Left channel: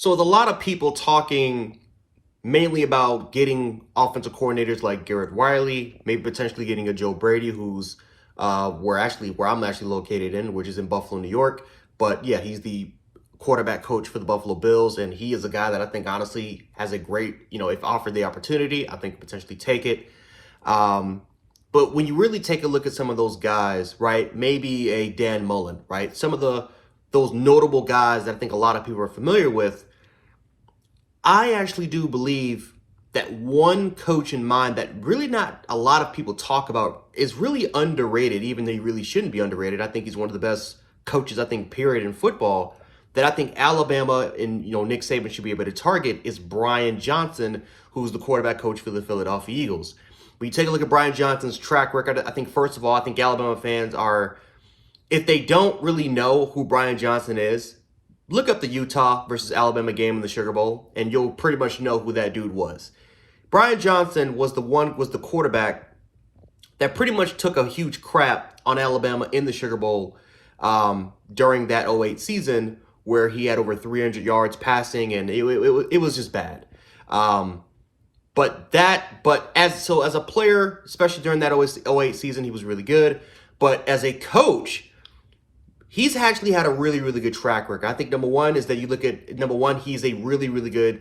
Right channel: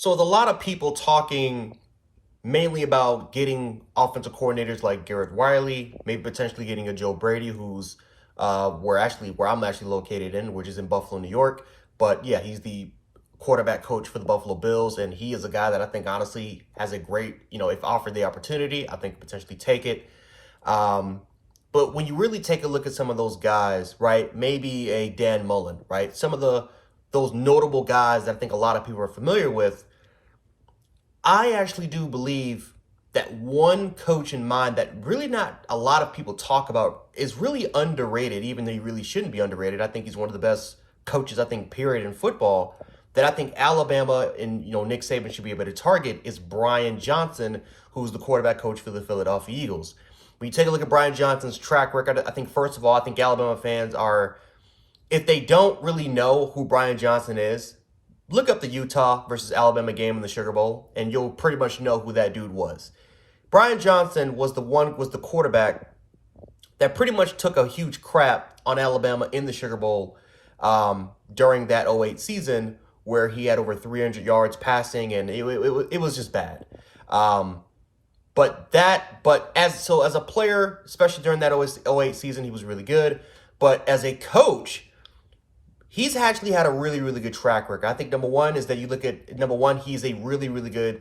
So with a lot of people talking mainly about getting offensive coordinators like Garrett Riley, maybe potentially getting a Joe Brady, who's where I'm actually located in, which is in Buffalo, New York. But yeah, he's the quarterback coach for the Buffalo Bills, and he is a guy that I think honestly has a great, if offered the opportunity, I think potentially take it. Um, but when you really take a look at some of those guys, right? Maybe a Dan Mullen, right? Some of those notable guys that I think a lot of people are familiar with. I actually do believe that one coach in mind that really not a lot of people talk about is really underrated, even though he really shouldn't be underrated. I think he's one of the best coaches, I think, period, in football. That I think Alabama and Nick Saban should be able to target is Brian Johnson, who's the quarterback coach for the Philadelphia Eagles. When you take a look at Brian Johnson's track record, I think first of all, I think Alabama fans are, if they don't really know who Brian Johnson is, look up the Utah versus Alabama game in the Sugar Bowl, and you'll pretty much know who that dude was. Brian Johnson was the quarterback that pretty much took a huge crap on Alabama in the Sugar Bowl during that '08 season, where he had over 300 yards passing, and it was just bad. But as a player, especially during that '08 season, he was really good. But as a coach, he's actually had a really, really good track record. I think number one is that you look at number one, he's a really, really good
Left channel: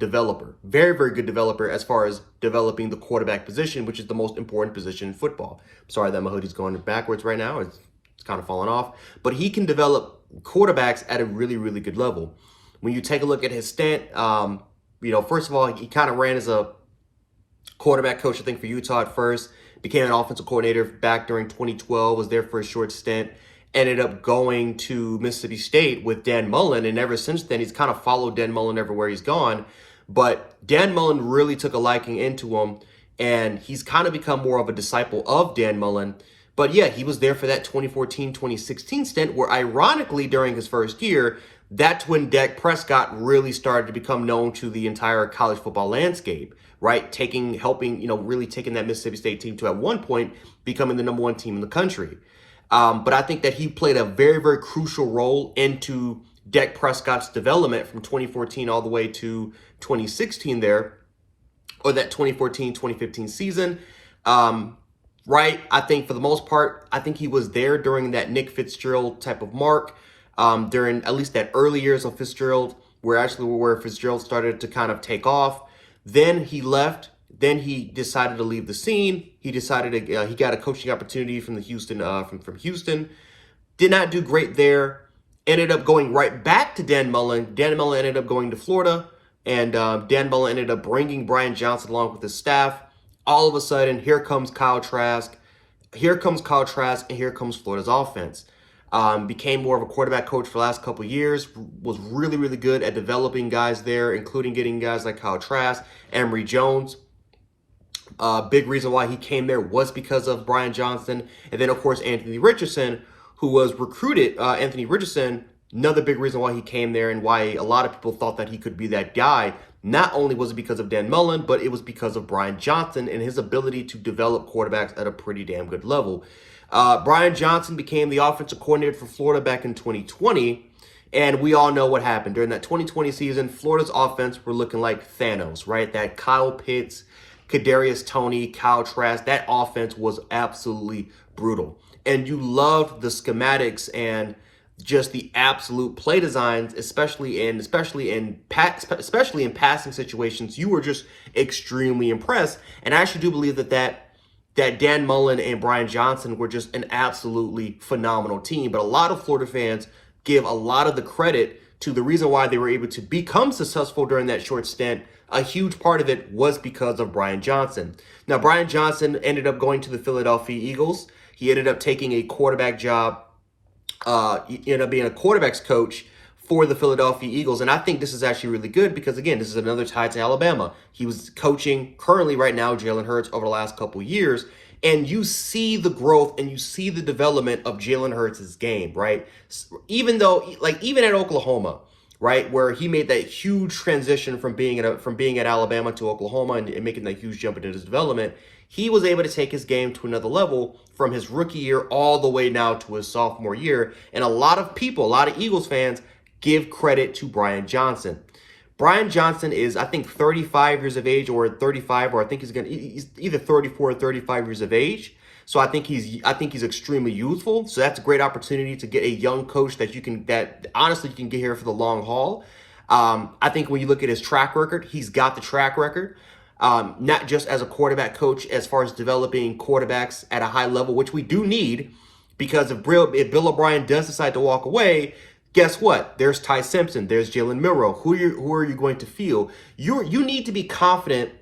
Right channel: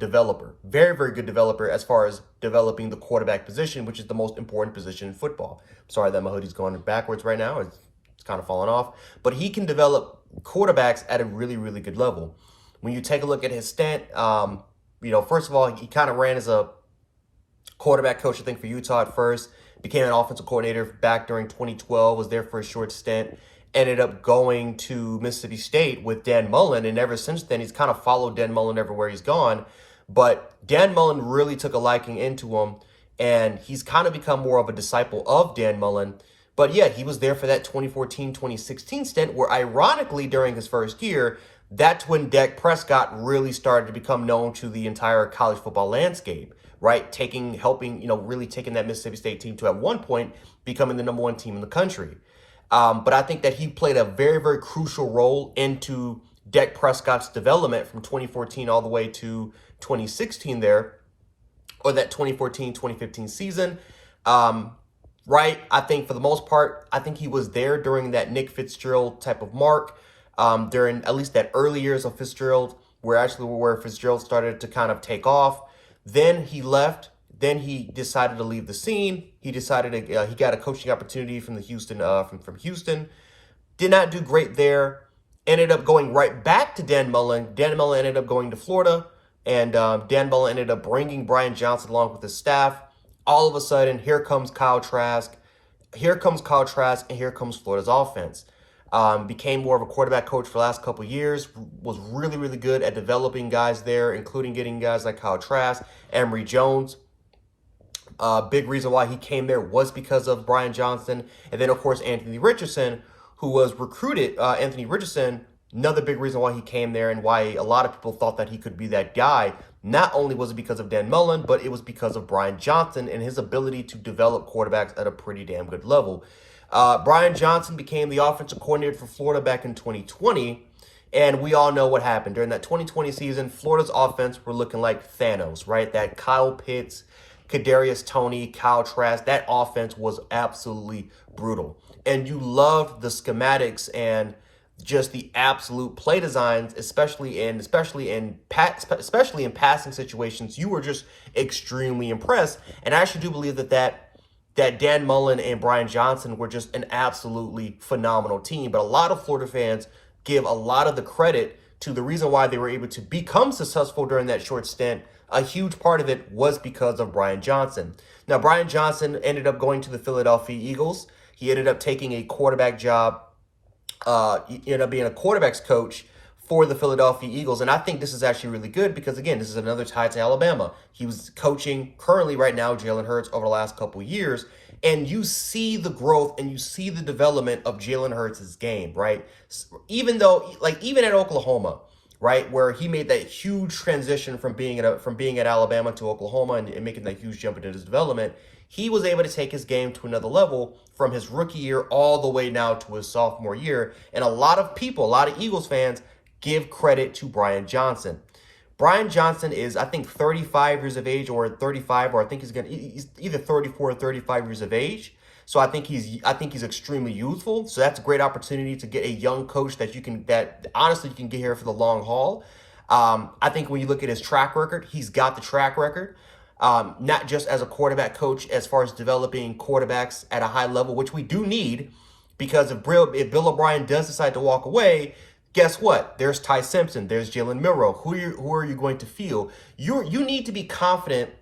developer. Very, very good developer as far as developing the quarterback position, which is the most important position in football. Sorry that my hoodie's going backwards right now. It's kind of falling off. But he can develop quarterbacks at a really, really good level. When you take a look at his stint, first of all, he kind of ran as a quarterback coach, I think, for Utah at first. Became an offensive coordinator back during 2012, was there for a short stint. Ended up going to Mississippi State with Dan Mullen, and ever since then, he's kind of followed Dan Mullen everywhere he's gone. But Dan Mullen really took a liking into him, and he's kind of become more of a disciple of Dan Mullen. But yeah, he was there for that 2014-2016 stint, where ironically, during his first year, that's when Dak Prescott really started to become known to the entire college football landscape, right? Really taking that Mississippi State team to, at one point, becoming the number one team in the country. But I think that he played a very, very crucial role into Dak Prescott's development from 2014 all the way to 2016 there, or that 2014-2015 season. Right? I think for the most part, I think he was there during that Nick Fitzgerald type of mark, during at least that early years of Fitzgerald, where Fitzgerald started to kind of take off. Then he left. Then he decided to leave the scene. He decided he got a coaching opportunity from from Houston. Did not do great there. Ended up going right back to Dan Mullen. Dan Mullen ended up going to Florida, and Dan Mullen ended up bringing Brian Johnson along with his staff. All of a sudden, here comes Kyle Trask. Here comes Kyle Trask, and here comes Florida's offense. Became more of a quarterback coach for the last couple of years. Was really, really good at developing guys there, including getting guys like Kyle Trask, Emory Jones. Big reason why he came there was because of Brian Johnson. And then, of course, Anthony Richardson, who was recruited. Anthony Richardson, another big reason why he came there and why a lot of people thought that he could be that guy. Not only was it because of Dan Mullen, but it was because of Brian Johnson and his ability to develop quarterbacks at a pretty damn good level. Brian Johnson became the offensive coordinator for Florida back in 2020. And we all know what happened. During that 2020 season, Florida's offense were looking like Thanos, right? That Kyle Pitts, Kadarius Toney, Kyle Trask, that offense was absolutely brutal. And you loved the schematics and just the absolute play designs, especially in passing situations. You were just extremely impressed. And I actually do believe that Dan Mullen and Brian Johnson were just an absolutely phenomenal team. But a lot of Florida fans give a lot of the credit to the reason why they were able to become successful during that short stint. A huge part of it was because of Brian Johnson. Now, Brian Johnson ended up going to the Philadelphia Eagles. He ended up taking a quarterback job. He ended up being a quarterback's coach for the Philadelphia Eagles. And I think this is actually really good because, again, this is another tie to Alabama. He was coaching currently right now Jalen Hurts over the last couple of years. And you see the growth and you see the development of Jalen Hurts' game, right? Even at Oklahoma, right, where he made that huge transition from being at Alabama to Oklahoma and making that huge jump into his development, he was able to take his game to another level from his rookie year all the way now to his sophomore year. And a lot of Eagles fans give credit to Brian Johnson. Brian Johnson is, I think, 35 years of age or 35, or I think he's either 34 or 35 years of age. So I think he's extremely youthful. So that's a great opportunity to get a young coach that honestly you can get here for the long haul. I think when you look at his track record, he's got the track record. Not just as a quarterback coach, as far as developing quarterbacks at a high level, which we do need, because if Bill O'Brien does decide to walk away, guess what? There's Ty Simpson. There's Jalen Milroe. Who are you going to feel? You need to be confident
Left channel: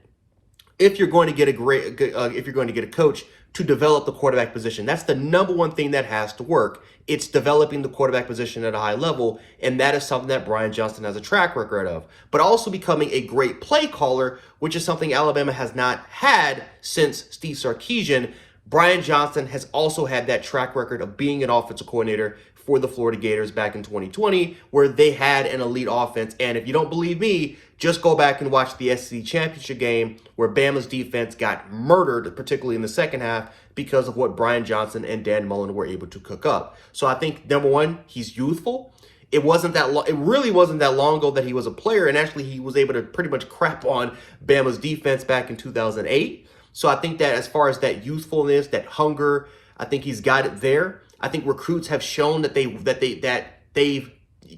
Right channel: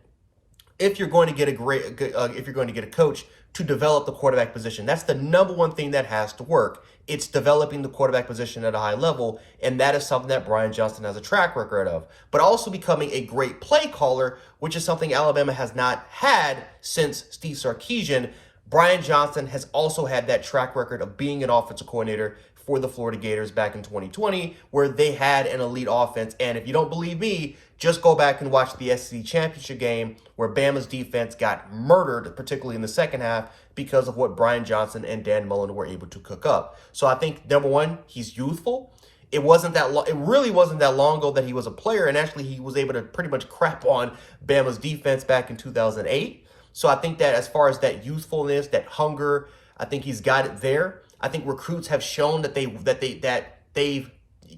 if you're going to get if you're going to get a coach to develop the quarterback position. That's the number one thing that has to work. It's developing the quarterback position at a high level, and that is something that Brian Johnson has a track record of. But also becoming a great play caller, which is something Alabama has not had since Steve Sarkisian. Brian Johnson has also had that track record of being an offensive coordinator for the Florida Gators back in 2020, where they had an elite offense. And if you don't believe me, just go back and watch the SEC championship game where Bama's defense got murdered, particularly in the second half, because of what Brian Johnson and Dan Mullen were able to cook up. So I think, number one, he's youthful. It really wasn't that long ago that he was a player, and actually he was able to pretty much crap on Bama's defense back in 2008. So I think that as far as that youthfulness, that hunger, I think he's got it there. I think recruits have shown that they've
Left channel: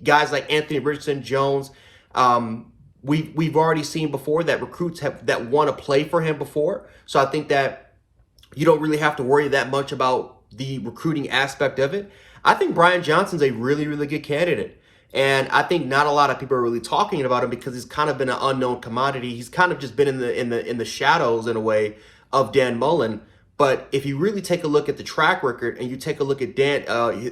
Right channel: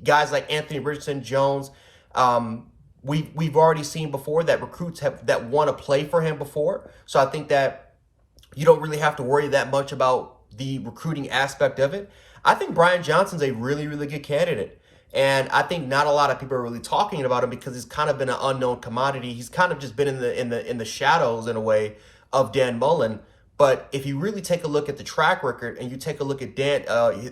guys like Anthony Richardson, Jones. We've already seen before that recruits that want to play for him before. So I think that you don't really have to worry that much about the recruiting aspect of it. I think Brian Johnson's a really, really good candidate. And I think not a lot of people are really talking about him because he's kind of been an unknown commodity. He's kind of just been in the shadows in a way of Dan Mullen. But if you really take a look at the track record and you take a look at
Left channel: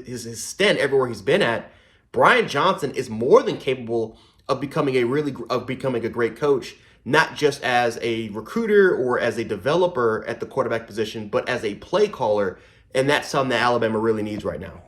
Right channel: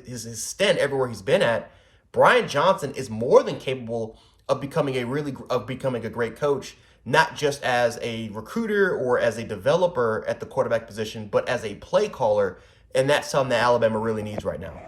his stint everywhere he's been at, Brian Johnson is more than capable of becoming a great coach, not just as a recruiter or as a developer at the quarterback position, but as a play caller. And that's something that Alabama really needs right now.